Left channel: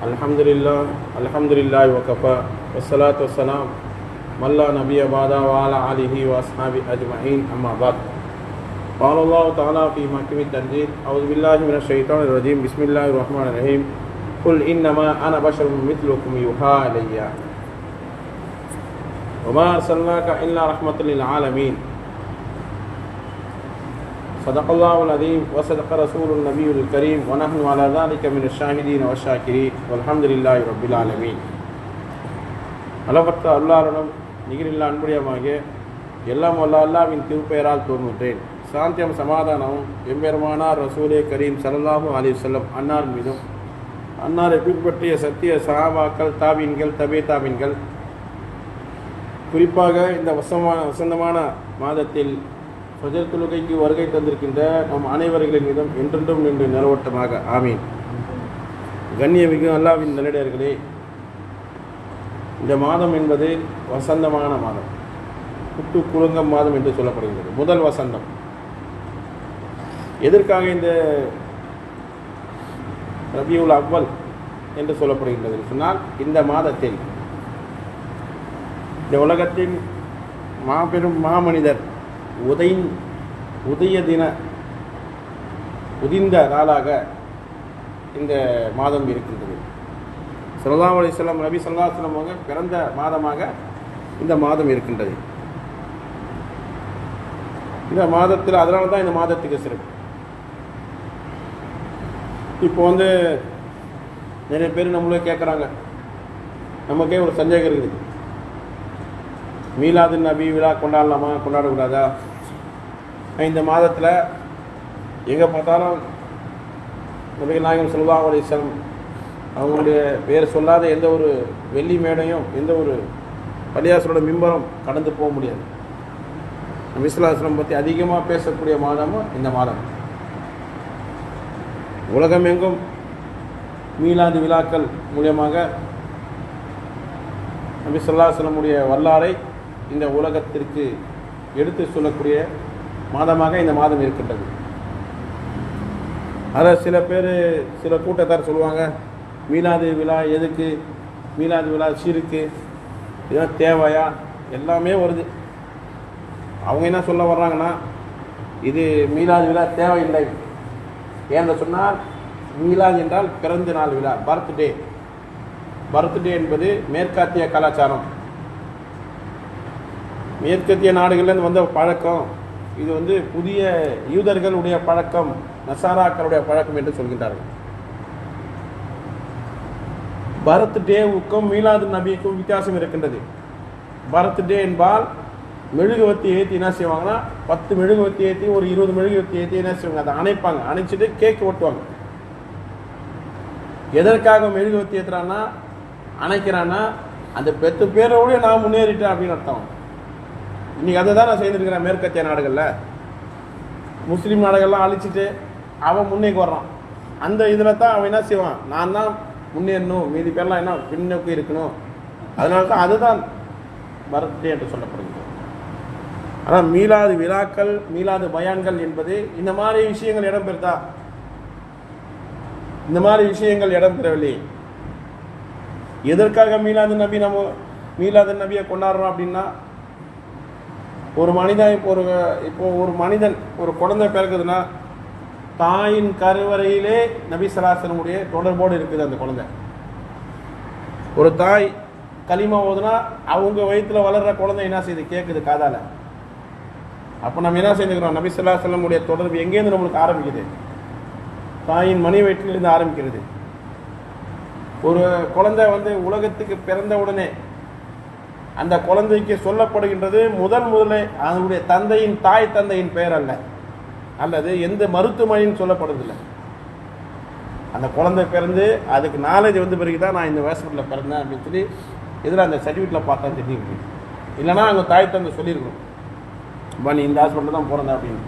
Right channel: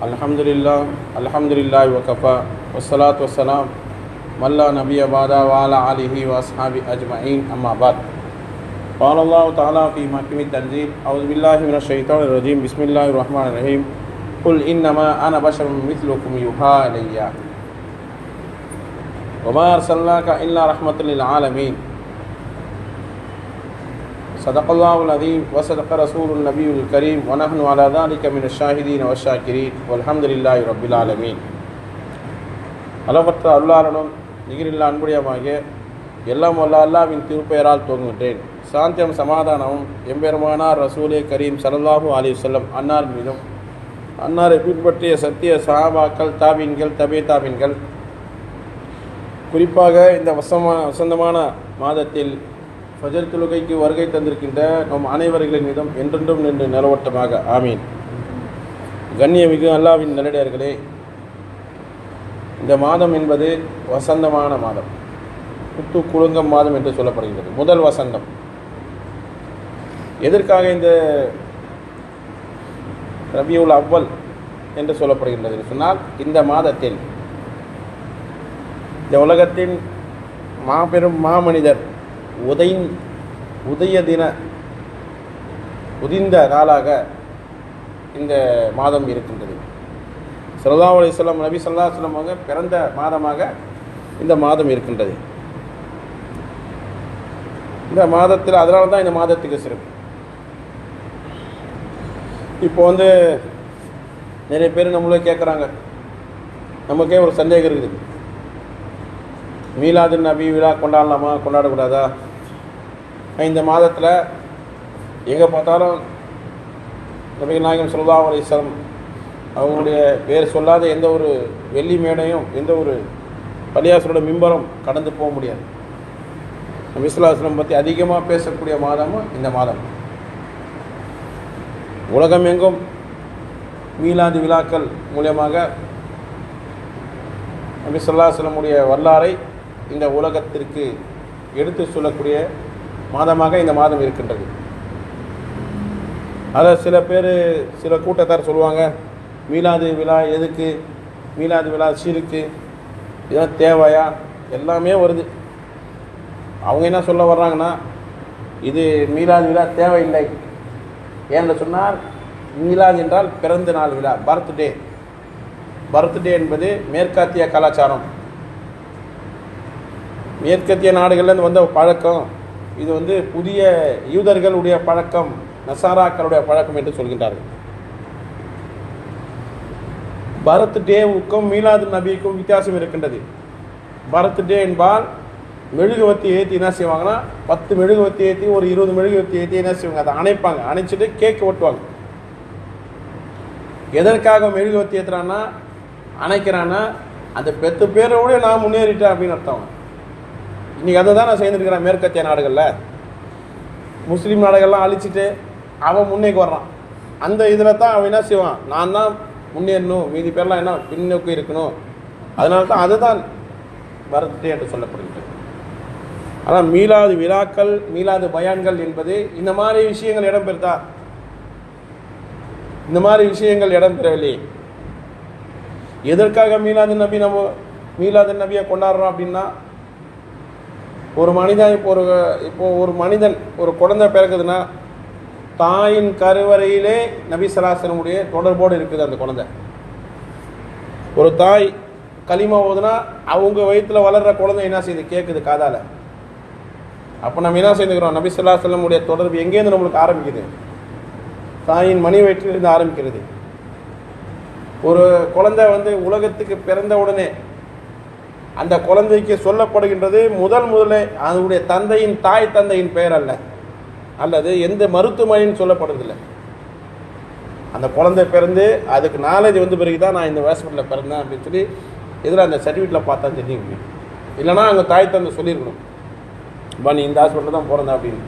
الحمد لله الحمد لله وكفى والصلاة والسلام من لا نبي بعد وعلى آله وأصحابه أجمعين أما بعد قال الله تعالى في محكم التنزيل أعوذ بالله من الشيطان الرجيم بسم الله الرحمن الرحيم قل إنما أنا بشر مثلكم يوحى إلي وما أرسلناك إلا رحمة للعالمين صدق الله العظيم وصدق رسول النبي الكريم ونحن على ذلك من الشاهدين والشاكرين والحمد لله رب العالمين அளவற்ற அல்லாரனும் நிகரில்லா அன்புடையமாக எல்லாம் வல்ல அல்லாவின் திருப்பெயரால் துவங்குகின்றேன் சாந்தியம் சமாதானமும் எம்பெருமானார் ரசூலே கரீம் சல்லல்லாஹு அலி செல்லம் அன்னார் மீதும் அன்னாரை பின்பற்றிய சத்திய சஹாபாக்கள் தாபீன்கள் தபே தாபீன்கள் குறிப்பாக இந்த வசமா வசந்தமான மாதத்தில் ஃபஜர் தொழுகைக்கு வருகை தந்திருக்கின்ற நம் அனைவர்களின் மீதும் என்றென்றும் நின்று நிலவட்டமாக. ஆமீன். கண்ணியமிகு அல்லாவின் நல்லடியார்களே இந்த மாதம் என்பது வசந்தமான மாதம். புத்து குலுங்கம் மாதம் என்று சொல்லப்படுகின்றது. முதல் வசந்தம். எதற்காக இந்த ரபியுல் அவ்வல் என்று சொல்லப்படுகின்றது? சொன்னால் இந்த மாதத்தில் இந்த உலகத்தின் மாபெரும் மாமனிதர் உதை உதய தின உதிர்ந்த நாளாக இந்த மாதம் இருக்கின்றது. சல்லா அலிஸ்லாம் நபி சொல்லா அவங்க பிறந்த மாதமாக இந்த மாதம் இருக்கின்றது. இந்த மாதத்தில் அதனால தான் இந்த மாதத்துக்கு சிறப்பு. இப்போ வந்து நிறைய பேர் நம்மளே கேட்குறாங்க. நமக்கே ஒரு சந்தேகம் இருக்குது. மீலாது நபி விழா கொண்டாடலாமா கொண்டாடக்கூடாதா? இந்த மாதத்தில் எங்கே பார்த்தாலும் நபிகள் நாயகம் சொல்லா அலிஸ்லாம் அவங்களுடைய பேர் சொல்லாத எந்த ஒரு வெள்ளி மேடையும் எந்த ஒரு பள்ளியாசரோட மிம்பரம் கடந்து போக முடியாது. நபிசுல்லாஸ்லம் பற்றி அதிகமாக பேசக்கூடிய மாதமும் இந்த மாதம். உலகம் எங்கும் மீலாது விழாக்கள் மூலியமாக நபி வரலாறை இந்த உலகத்திற்கு எடுத்து சொல்லக்கூடிய மாதமாக இந்த மாதம் இருக்கின்றது. அதில் சில பேர் சில கூட்டத்தார் சொல்லுவாங்க மீலாது விழா எதுக்கு? மீலாது விழா சீருக்கு? இதெல்லாம் தேவையா? எல்லாமே வருது. அவங்க என்ன சொல்ல வர்றாங்கன்னா இது மீலாது விழா தேவையில்லை. ஏன்னு சொன்னால் மீலாது என்றால் பிறந்த நாள் விழா பர்த்டே பர்த்டே என்பது மேற்காத்திய கலாச்சாரம். மேற்கத்திய நாடுகள்லேருந்து வந்த பழக்கம். இது வந்து புதிய யூதர்களுடைய பழக்கம் நசாராக்களுடைய பழக்கம் என்று சொல்கின்றார்கள். பரத் டேவுக்கும் மீலாது நபிக்கும் வித்தியாசம் இருக்கின்றது. பரத் டே என்பால் மெழுகுவத்தி ஏற்றி என்ன செய்வாங்கன்னா பத்து மெழுகுவத்தி ஏற்றி ஒரு இருபது மெழுகுவத்தி ஏற்றி என்ன செய்வாங்க? அதை அணைப்பாங்க. அணைச்சிட்டு கேக் ஒட்டுவாங்க எதற்காக மெழுகுவத்தி ஏற்றுறான்னா அணைக்கிறான்னா அந்த பெத்து பேரோட நான் முன்னேறிட்டேன் அப்படின்னு அர்த்தம். இன்றைக்கி அதை தான் நான் செய்திருக்கிறேன் மேற்கத்திய நாடுகளில்? முஸ்லீம் நாடுகள்லாம் அழிச்சிட்டு அவன் முன்னேக்கு வர்றான். அந்த இதில் தான் அவன் என்ன செய்வான்? நான் தான் முன்னேறணும் மீதி பேர்லாம் என்ன பின்னோக்கி இருக்கணும். அதனால தான் அதுதான் பரத்டே என்று சொல்லப்படுகிறது. ஆனால் மீளாது விழாக்கள் மீளாது பயான்கள் என்பது இந்த மாதிரி விஷயங்கள் இடம்பெறுதா? இந்த மாதிரி விஷயங்கள் இடம்பெறவில்லை எதற்காக மீளாது நபி நம்ம மீளாது நபியை கொண்டாடுறோம் அப்படின்னா ஒரு மனிதன் இப்போ ஒரு இப்போ ஒரு மனிதன் ஒரு குழந்தை பிறகுதுன்னா தாயின் கருவறையிலே நபி தொடர்போடு இருக்குது அந்த குழந்தை. ஒரு தாய் களிமா ஓதுனா அவங்க வயிற்றில் வளர்கிற குழந்தை என்ன செய்யுது? கேட்குது காதால். அப்போ நம்ம என்ன செஞ்சுக்கிறோம்? நபி சொல்லா செல்லமுடைய தொடர்பு எங்கேருந்து நம்மளுக்கு ஆரம்பிக்குது? தாயின் மணி வயிற்றிலிருந்து ஆரம்பிக்கிறது. ஒரு குழந்தை வந்து உலகத்துக்கு பிறந்த உடனே அந்த குழந்தைக்கு சொல்லப்படுகின்றது முதல் முதலே அதனுடைய தந்தையின் தாய் தந்தையின் பெயர் அல்ல அல்லது எந்த மருத்துவமனையும் சொல்லப்படுறதில்லை. அந்த குழந்தை பிறந்து அதுக்கு நாலேஜ் வந்து பிறகு தான் நான் இந்த ஹாஸ்பிட்டலில் பிறந்தேன் அப்படின்னு சொல்லி இதில் அந்த சர்டிஃபிகேட்டில் பார்த்தா தெரியும். இல்லைனா அங்கே தாய் தந்தை சொல்லியிருக்கணும். இப்போ நீ இந்த ஹாஸ்பிட்டலில் தான் பிறந்த அப்படின்னு.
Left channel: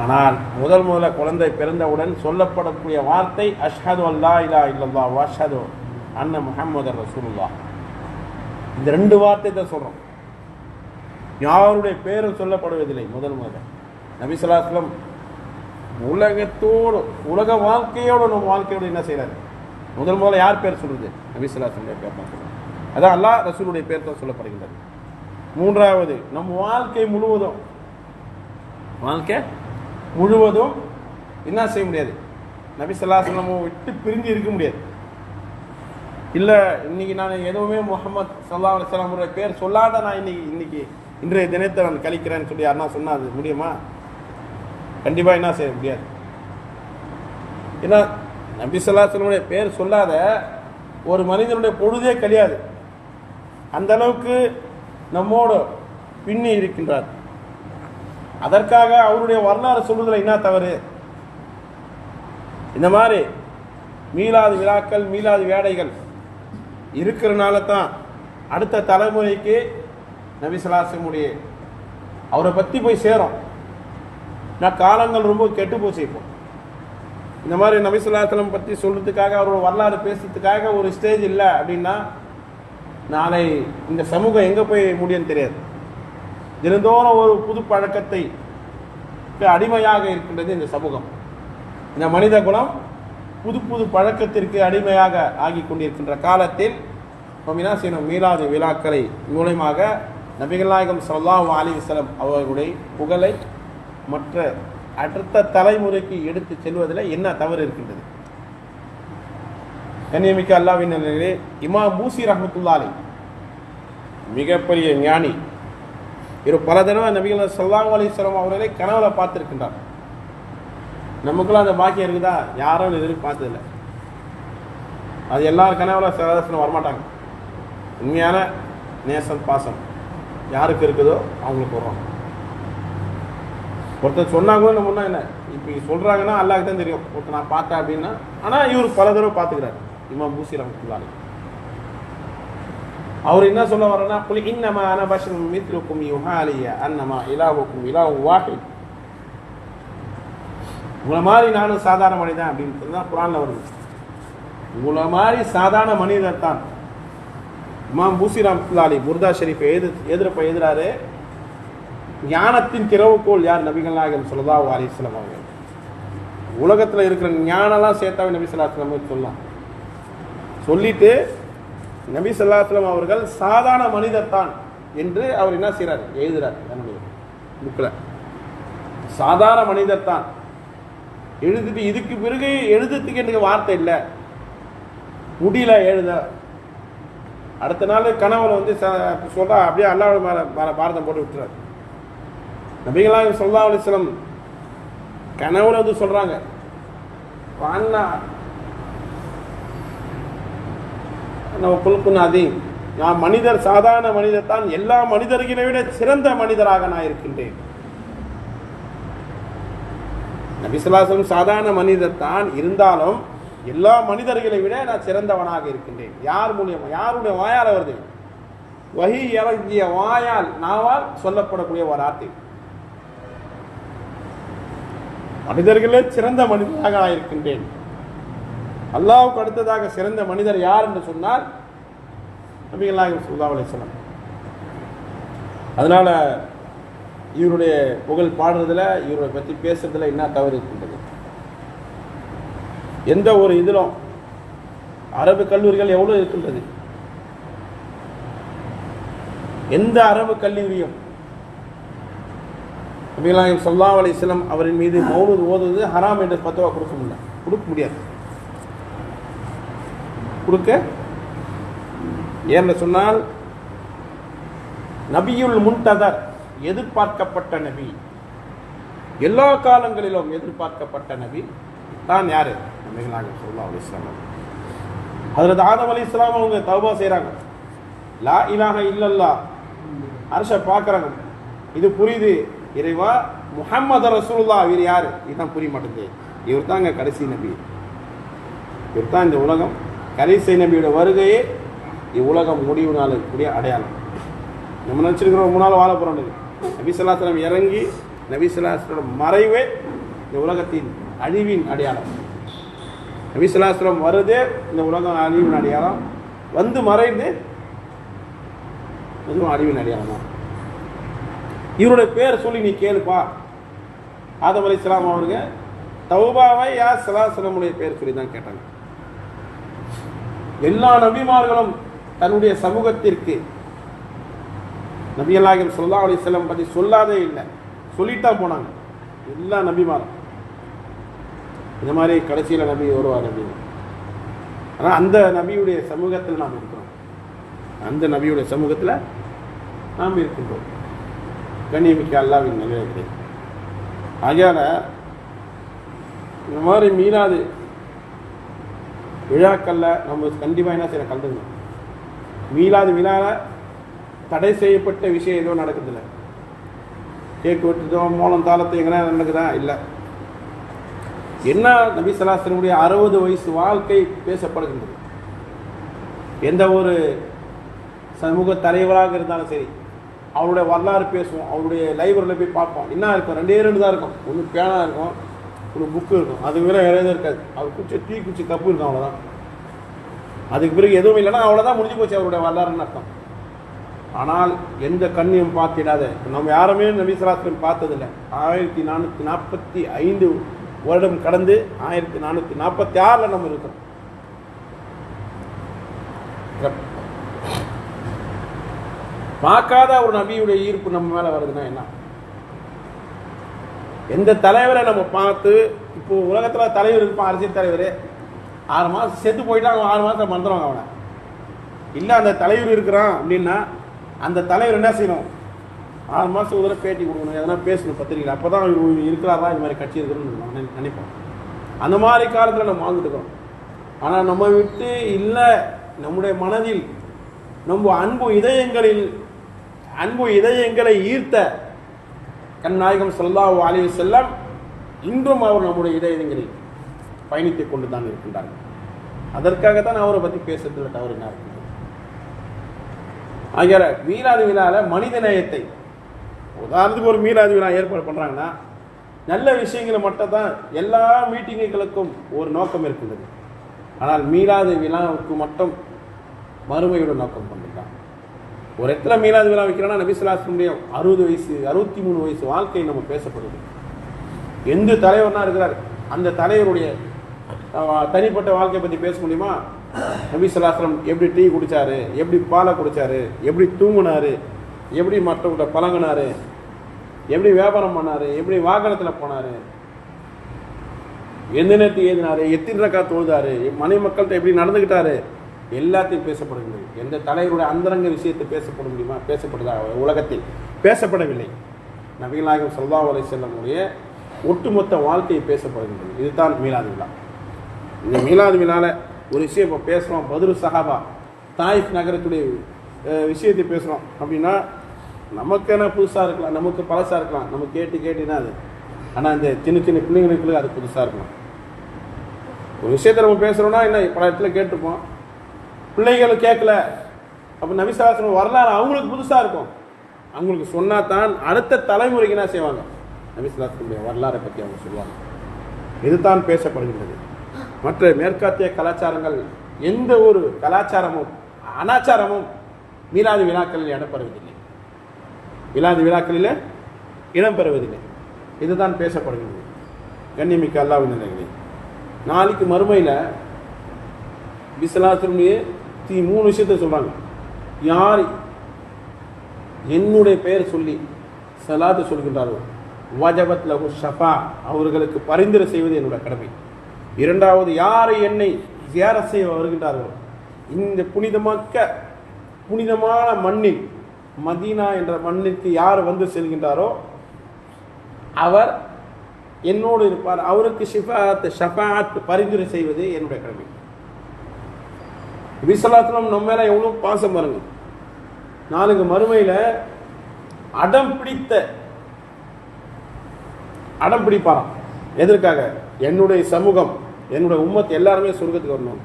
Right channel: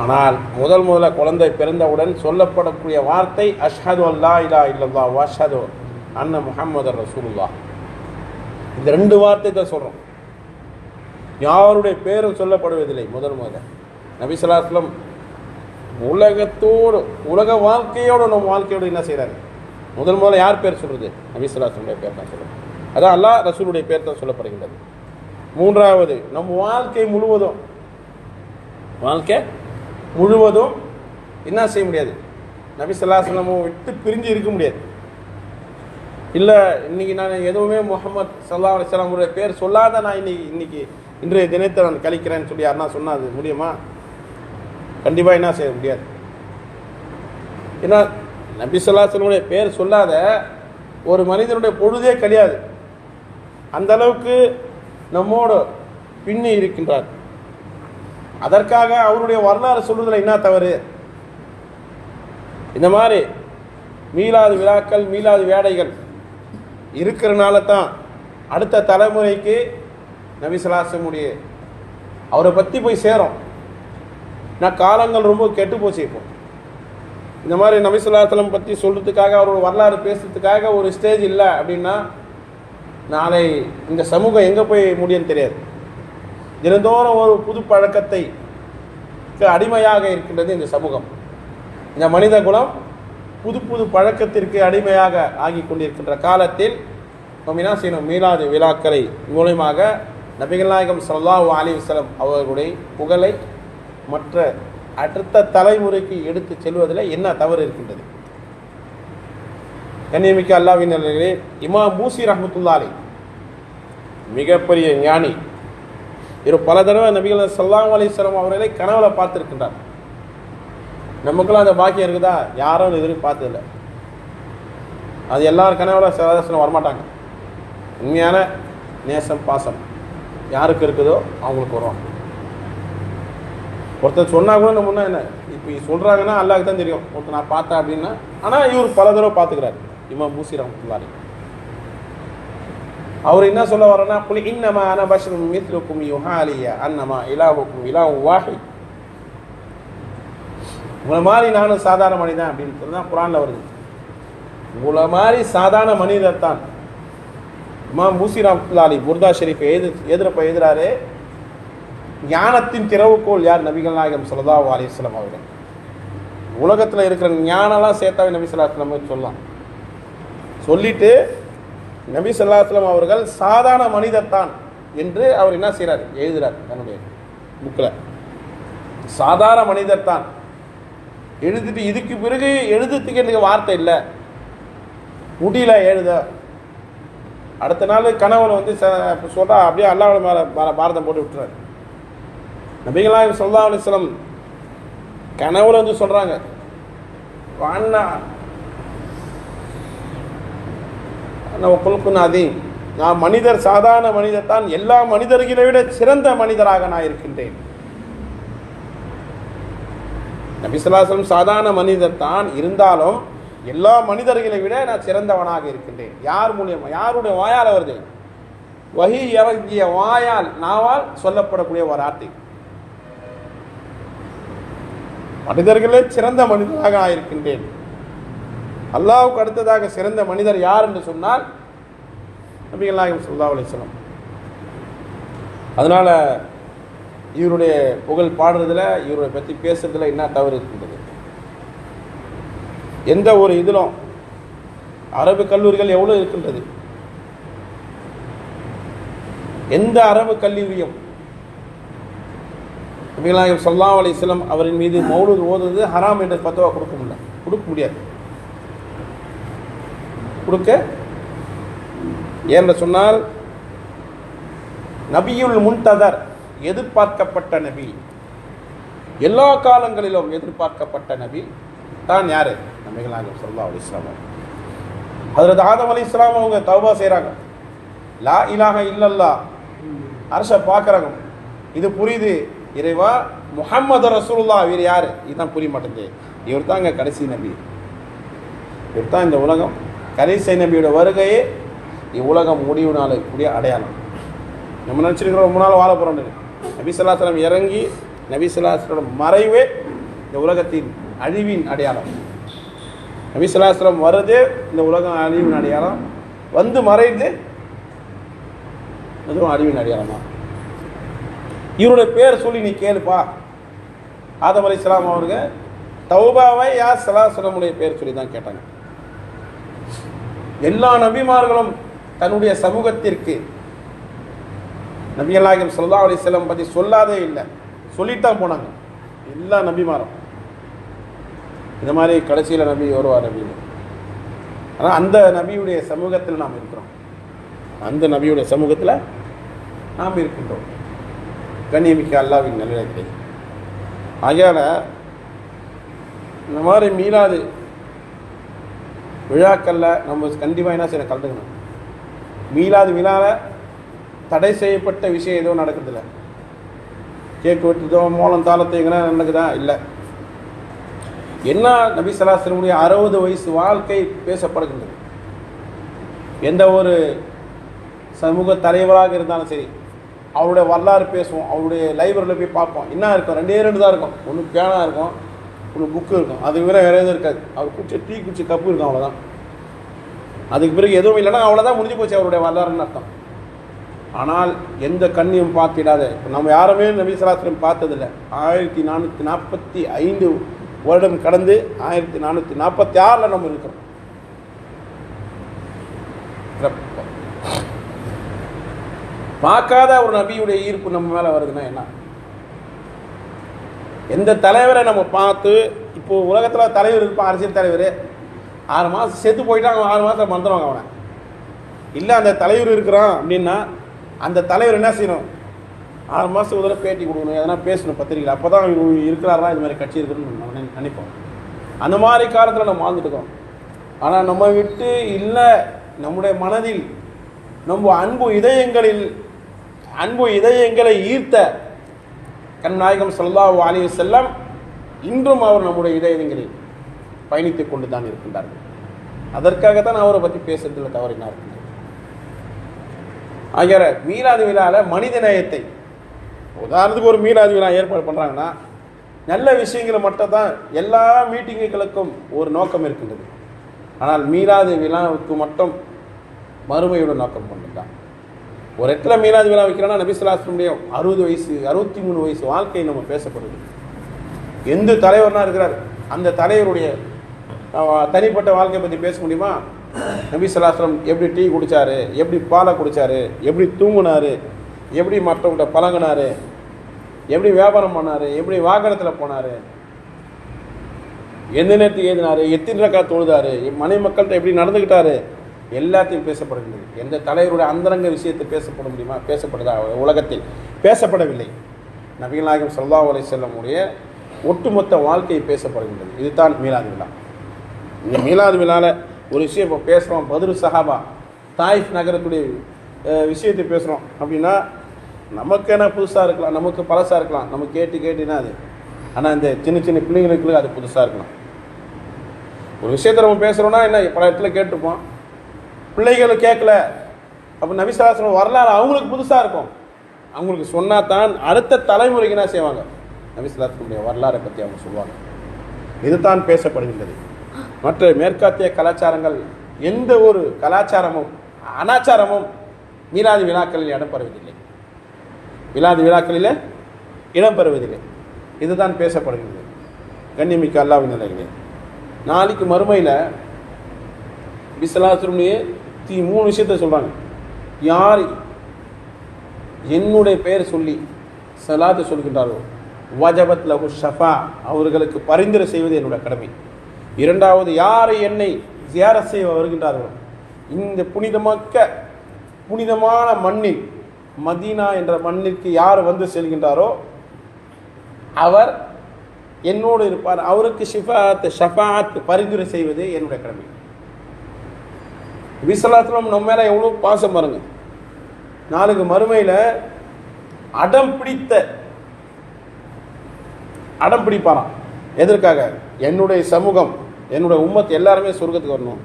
ஆனால் முதல் முதல்ல குழந்தை பிறந்தவுடன் சொல்லப்படக்கூடிய வார்த்தை அஷ்ஹது அல்லா இல்லா இல்லல்லா வாஷது அண்ண முஹம்மது ரசூலுல்லா இந்த ரெண்டு வார்த்தை தான் சொல்கிறோம் யாருடைய பேரும் சொல்லப்படுவதில்லை முதல். முதல் நபிசலாஸ்லம் உலகத்தோடு உலக வாழ்க்கையோடு நம்ம வாழ்க்கையோடு என்ன செய்கிறாரு முதல் முதல்ல யார் பேர் சொல்றது? நபிசலாஸ்லமுடைய பேர் தான் சொல்றது அதான் அல்லாஹ் ரசூலுடைய பேர் தான் சொல்லப்படுகின்றது. மூன்றாவது நம் வாழ்க்கை முழுவதும் வாழ்க்கை முழுவதும் என்ன செய்ய முடியாது? நபி சொல்லாசலம் விட்டு பிரிஞ்சு இருக்க முடியாது. இல்லை இன்னைக்கு நான் எதுவுமே முகமது சல்லா அலிஸ்லாமுடைய பேர் சொல்லாத நான் இன்னைக்கு இன்னைக்கு இன்றைய தினத்தை நான் கழிக்கிறேன்னு சொல்லி யாருன்னா சொன்னா அது முடியுமா? கண்டிப்பாக என்ன செய்ய முடியாது. ஏன்னா நபி சொல்லாசலமுடைய பேர் சொல்லாத ஒரு மனிதனுடைய பொழுதே கிடையாது அந்த அளவுக்கு நம்மோடு பின்னி இருக்கின்றார். அதற்காக அவருடைய வரலாறு சொல்வதில் என்ன தவறு? இந்த மாதிரி மீளாது விழாக்கள் மீளாது வேடைகள் இருக்கிறனால தான் அடுத்த தலைமுறைக்கு நபிசலாசமுடைய அவரை பற்றி போய் சேரும். நான் காலங்கள் ரொம்ப கெட்டு போச்சு இப்போ. இந்த மாதிரி நபிசுல்லாத்தலம் பற்றி சொல்கிறதுக்காக அவரோட வரலாறு பேசுறதுக்காக ஒரு ஸ்டேஜ் இல்லை அப்படின்னா நாளை இந்த சமூகம் எங்கே போய் முடியும்னு தெரியாது. தினந்தோறும் ஒரு புது பழக்கத்தை அடிமையாக இருக்கின்றது இந்த சமூகம். இந்த மனித குலம் புது புது பழக்கத்திற்கு அடிமையாக ஆகி கொண்டிருக்கின்ற காலத்தில் நோமினா செய்யணும் மீலாது விழாக்களை மூலயமாக நபிகள்நாயகம் சல்லாஹூ அலி வசலம் அவர்களுடைய புகழை மற்ற அடுத்த தலைமுறைக்கு எடுத்து செல்வதில் என்ன தவறு இருக்கின்றது? கண்ணியமிக்க அல்லாவின் இமா மூசி ரஹமத்துல்லாலி மிகப்பெரிய ஞானி. இவர் பல தடவை நபிகள் சல்லாம் அலிஸ்லாம் அவர்களை கனவுல பார்த்துருக்கின்றார். நமக்குள்ள அந்த பாக்கியம் இருக்குதா? யாரும் இது பார்த்ததில்ல. அது எல்லாரும் கனவுல சதாசனம் வரமாட்டாங்க. உண்மையான நேசம் பாசம் யாருக்கு இருக்குதோ அவங்களுக்கு வரும். ஒருத்தர் சொன்னா கூட நம்ம என்ன? இப்போ சொல்றாங்கன்னா அல்லாஹ்க்கு தான் தெரியும். ஒருத்தர் நான் பார்த்தேன் அப்படின்னா ஆனால் இவர் பல தடவை பார்த்துக்கிறாரு. இமாம் பூசி ரஹமத்துல்லாஹி அவர் என்ன சொல்ல வரோன்னா புலி இன்னமா அன பஷரும் மித்ருக்கும் யுஹாலிய அன்னமா இலாவுக்கும் இலாவு வாஹித். உங்களை மாதிரி நானும் சாதாரண மனிதன் அப்படின்னு சொல்லி தான் குரானில் வருது. உங்களை மாதிரி சாதாரண மனிதர் தான் இமாம் பூசிராம் லாலி புர்தா ஷெரீஃப் எது எதிரப்ப எதிராரு ஞானத்தின் திறவுக்கோள் யார்? நபிகள் நாயகம் சொல்லதா அலிஸ்லாம் அவர்கள். உலகத்தில் இருக்கிற ஞானம்லாம் சேர்த்தாவே நபி சொல்லாஸ்லாம் சொல்லலாம் சொல்லிட்டு நபி சொல்லாஸ்லாம் அவர்கள் சாதாரண மனிதர் தான் என்று அவர் என்ன செய்கிறார் எழுதுகிறார் தன்னுடைய புக்கில் சாதாரண மனிதர் தான். எழுதிட்டு இதுக்கு பிறகு எழுதுறதுக்கு எனக்கு வார்த்தை இல்லை. முடியல எழுத. அடுத்த நாள் கணவன் வந்து சொல்கிறா அப்படியே அல்லாவோட மேலே பாரதம் போட்டு விட்டுறாரு. நபிகளாயம் சொல்லா அலிஸ்லம் கணவர் வந்து சொல்றாங்க. அண்ணா குழுக்குன்னு நான் மனிதர் சாதாரண மனிதர் தான் எல்லா மனிதர்களை விட சிறந்த மனிதராக நான் இருக்கின்றேன். நபிசுல்லாசலம் சாதாரண மனிதர் தான் இருந்தாலும் எல்லா மனிதர்களை விட நான் சிறந்தவனாக இருக்கின்றேன். யார் மூலியமாக யாருடைய வாயால் வருது வகி இறங்கிய வாயால் நாவால் சொல்லப்படக்கூடிய ஒரு வார்த்தை. மனிதர்களே சிறந்த மனிதனாக நான் இருக்கின்றேன். அல்லாவுக்கு அடுத்ததாக சிறந்த மனிதர் யார் என்று சொன்னால் நபிகள் நாயகம் சுல்லா அலிஸ்லாம் அதனால இவருடைய புகழ் பாடுறதுல இவருடைய பற்றி பேசுறதுல என்ன தவறு இருக்கின்றது? எந்த ஒரு இதிலும் அரபு கல்லூரிகள் எவ்வளோ இருக்கின்றது? எந்த அரபு கல்லூரியும் நபிகளாயம் சொல்லா அலி இஸ்லாம் அவரின் மீது மௌலூத் ஓதுவது ஹராம் என்று பத்தவா கொடுக்க முடியல கொடுக்க முடியாது. கொடுக்க ஏன்னு சொன்னால் நபியுல் முன்ததர் எதிர்பார்க்கப்பட்ட நபி. எல்லா காலங்களிலும் எதிர்பார்க்கப்பட்ட நபி தான் யாரு? நபிகளாயம் சொல்லா அலி இஸ்லாம் அதில் ஆதம் அலி இஸ்லாம் அவங்க தௌபா செய்கிறாங்க லா இலாக இல்லல்லா அரசை பார்க்குறாங்க. இது புரியுது. இறைவா முகமது ரசூல்லா இவர் யார்? இதுதான் புரிய மாட்டேங்குது. இவர் தான் இங்கே கடைசி நபி. இவர் தான் இந்த உலகம். கடைசி நபியோட வருகையே இவ்வுலகம் முடிவு கூடிய அடையாளம். நம்ம நினச்சிருக்கிறோம் ரொம்ப நாள் வாழ போகிறோம் நபிசல்லாஸ்லம் இறங்கி நபிசல்லாஸ்லோட மறைவே இந்த உலகத்தின் அழிவின் அடையாளம். நபி சொல்லாஸ்லம் வருதே இந்த உலகம் அழிவின் அடையாளம். வந்து மறைந்து அதுவும் அழிவின் அடையாளமா? இவருடைய பேர் சொல்லி நீ கேளுப்பா. ஆதம் அலி இஸ்லாம் அவருங்க தௌபாவை யார் சலாசனமுடைய பேர் சொல்லி தான் கேட்டாங்க. எல்லா நபிமார்களும் தன்னுடைய சமூகத்திற்கு நபியல்லாஹிம் ஸல்லல்லாஹு அலி செல்லம் பற்றி சொல்லாதே இல்லை. சொல்லித்தான் போனாங்க. எல்லா நபிமாரும். இந்த மாதிரி கடைசியில் நபி வருவார் அப்படின்னு ஆனால் அந்த நபியுடைய சமூகத்தில் நாம் இருக்கிறோம். அந்த நபியுடைய சமூகத்தில் நாம் இருக்கின்றோம். கண்ணியமிக்க அல்லாவின் நிலையத்தை ஆகையால் இந்த மாதிரி மீளாது விழாக்களில் நம்ம கண்டிப்பாக என்ன செய்ய கலந்துக்கணும். மீளாது விழாவில் தடை செய்யப்பட்ட விஷயம் எதுவும் நடக்குதில்ல. கேக் வெட்டுதோ மோளம் தாளத்தை எங்கன்னா நடக்குதா? இல்லை. என்ன நபி சலாசனுடைய அறுபது வயசு வாழ்க்கை பேசப்படுகின்றது? எந்த ஒரு சமூக தலைவராக இருந்தாலும் சரி அவருடைய வரலாறு பேசுவோம் அவருடைய லைப்ரரியில் போய் பார்ப்போம். என்ன இருக்கும்? ரெண்டே ரெண்டு தான் இருக்கும். ஒன்று பேனா இருக்கும் ஒரு புக்கு இருக்கும். அதுக்கு பிறகு வேறு எதுவும் இருக்காது. அவர் குடிச்ச டீ குடிச்ச கப்பு இருக்கும் அவ்வளோதான் அதுக்கு பிறகு எதுவும் இல்லைன்னா அவ்வளோதான் முடிஞ்சு போச்சு அவருடைய வரலாறுன்னு அர்த்தம். ஆனால் எந்த கண்ணியும் பார்த்திடாத. நம்ம யாருமே நபி பார்த்ததில்லை. ஆயிரத்தி நானூற்றி நாற்பத்தி ஐந்து வருடம் கடந்து ஆயிரத்தி நானூற்றி நாற்பத்தி ஆறில் நம்ம இருக்கிறோம் பார்க்காத ஒரு நபியுடைய ஈர்ப்பு நம்ம மேலே வருதுன்னா என்ன? எந்த தலைவரை நம்ம பார்த்து இப்போ உலகத்தில் தலைவர் இருப்பான் அரசியல் தலைவர். ஆறு மாதம் செத்து போயிட்டா அவன் ஆறு மாதம் மறந்துடுவாங்க அவனை. இல்லை அந்த தலைவர் இருக்கிறான் அப்படின்னா அந்த தலைவர் என்ன செய்யணும்? ஆறு மாதம் ஒரு தடவை பேட்டி கொடுக்கணும் எதனா பேசணும் பத்திரிகையில். அப்போ தான் இவர் இருக்கிறாரா இது மாதிரி கட்சி இருக்குன்னு நினைப்போம். அந்த மாதிரி காலத்தில் நம்ம வாழ்ந்துட்டு இருக்கோம். ஆனால் நம்ம விட்டு இல்லை நம்முடைய மனதில் நம்ம அன்பு இதயங்களில் அன்பு இதயங்களை ஈர்த்த கண்நாயகம் செல்லா அலைஹி செல்லம் இன்றும் அவர் நம்முடைய இதயங்களில் பயணித்து கொண்டு தான் இருக்கின்றார்கள். அதற்காக தான் அவரை பற்றி பேசுறதுல தவறினார்கள் ஆகிற மீராதி விழாவில் மனித நேயத்தை. உதாரணத்துக்கு ஒரு மீராதி விழா ஏற்பாடு பண்ணுறாங்கன்னா நல்ல விஷயங்களை மட்டும் தான் எல்லா மீட்டிங்குகளுக்கும் ஒரு நோக்கம் இருக்கின்றது. ஆனால் மீராதி விழாவுக்கு மட்டும் மறுமையோட நோக்கம் கொண்டுதான் ஒரு இடத்துல மீராதி விழா வைக்கிறோன்னா நபிசுலாசனுடைய அறுபது வயசு அறுபத்தி மூணு வயசு வாழ்க்கை நம்ம பேசப்படுது. எந்த தலைவர்னா இருக்கிறார்? அந்த தலைவருடைய தனிப்பட்ட வாழ்க்கையை பற்றி பேச முடியுமா? நபி சொல்லாஸ்லம் எப்படி டீ குடித்தாரு எப்படி பாலை குடிச்சாரு? எப்படி தூங்குனாரு? எப்படி மற்றவங்கள்ட்ட பழங்கினார் எப்படி வியாபாரம் பண்ணார்? எப்படி வாகனத்தில் போனாரு? எந்த நேரத்துக்கு எழுதினாரு எத்தனை ரக்கா தொழுதார்? மனை மக்கள்கிட்ட எப்படி நடந்துக்கிட்டாரு எல்லாத்தையும் பேசப்படுகின்றது எந்த தலைவருடைய அந்தரங்க விஷயத்தை பேசப்பட முடியுமா? பேசப்படுதா? உலகத்தில் பேசப்படவில்லை. நபிகள் நாயகம் சல்லா அலை செல்லமுடைய ஒட்டுமொத்த வாழ்க்கை பேசப்படுகின்றது. இதுதான் மீலாது விழா. இந்த மீலாது விழாவில் ஒரு விஷயம் இப்போ பேசுகிறோம் பதுரு சஹாபா. தாயிஃப் நகரத்துடைய விஷயத்தை பேசுகிறோம் அப்படின்னா நமக்கு என்ன புதுசாக இருக்கலாம். நமக்கு பழசாக இருக்கலாம். நம்ம கேட்டு கேட்டுனா அது. ஆனால் இந்த சின்ன சின்ன பிள்ளைங்களுக்கு அது புதுசாக இருக்கலாம். ஒரு விஷயத்தை நம்ம பேசுகிறோம்னா என்ன? பல இடத்துல கேட்டிருப்போம். பிள்ளைகளும் கேட்கல. அப்போ நபிசாசனம் வரலாறு அவங்களுக்கு புதுசாக இருக்கும். அவங்களுக்கு சொன்னால் தான் அடுத்த தலைமுறைக்கு என்ன செய்வாங்க? நபிசாசனுடைய வரலாறை பற்றி அவங்க சொல்லுவாங்க. இதுதான் பேசப்படுகின்றது. மற்ற மேற்காத்திய கலாச்சாரங்கள் எந்த ஒரு கலாச்சாரமும் அனாச்சாரமும் மீலாது விழாக்களில் இடம்பெறுவதில்லை மீனாதி விழாக்களில் இடம்பெறுவதில்லை இதுதான் பேசப்படுகிறது. கண்ணியமிக்க அல்லாவின் நிலைகளே நாளைக்கு மறுமையில் பிசலாசுடைய தீ மூணு விஷயத்த சொல்கிறாங்க யார் என்னுடைய பெயர் சொல்லி சலாத்து சொல்கின்றார்கள் வஜபத் லகு ஷஃபா அவர்களுக்கு பரிந்துரை செய்வது என்னுடைய கடமை. இரண்டாவது யார் என்னை சேர செய்ய வருகின்றார்களோ இந்த புனிதமாக்க புனிதமான மண்ணில் மதீனா என்ற மண்ணிற்கு யார் வந்து செல்கின்றாரோ அவர் என்னோடு இருப்பார். அவருக்கு ஷிஃபாத் ஷஃபாத் பரிந்துரை செய்வது என்னுடைய கடமை. விசலாத்திரம் நம்ம மேலே எவ்வளோ பாசம் பாருங்க. நாளைக்கு மறுமையில் அடம் பிடித்த அடம் பிடிப்பாராம். எதற்காக? என்னுடைய சமூகம் என்னுடைய உம்மத்து எல்லாருமே சொர்க்கத்துக்கு வரணும்.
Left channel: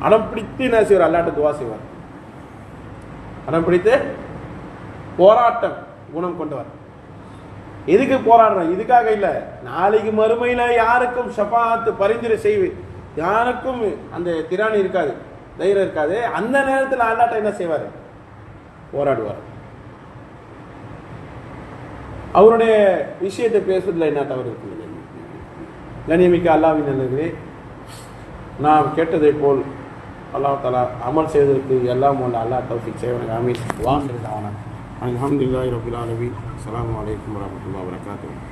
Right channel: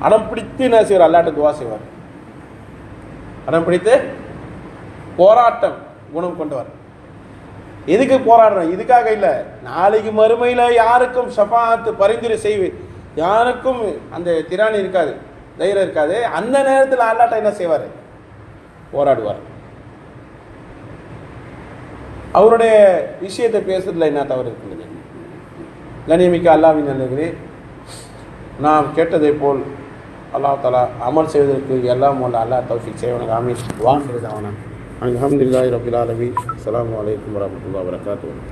அடம் பிடித்து என்ன செய்வார்? அல்லாட்ட துவா செய்வார். அடம் பிடித்து போராட்டம் குணம் கொண்டவர். எதுக்கு போராடுறோம்? இதுக்காக இல்லை. நாளைக்கு மறுமையில் யாருக்கும் ஷஃபாத்து பரிந்துரை செய்வேன் யாருக்கும் அந்த திராணி இருக்காது தைரியம் இருக்காது. அந்த நேரத்தில் அல்லாட்ட என்ன செய்வார்? போராடுவார். அவருடைய விஷயத்தை பேசுறதுல என்ன தவறு இருக்குங்க கண்ணியமிக்க அல்லாவின் நல்லது நாம் கேட்டதை போல் அல்லாஹ் தலா அமல் செய்வதற்கு எல்லாம் வல்ல அல்லாஹ் தௌஃபிக் செய்வனுக்கு அமீர் வான் அல்ஹம்துலில்லாஹி ரபில் ஆலமீன். அலாம் வலைக்கம் வரமத்துல்லா வரகாத்து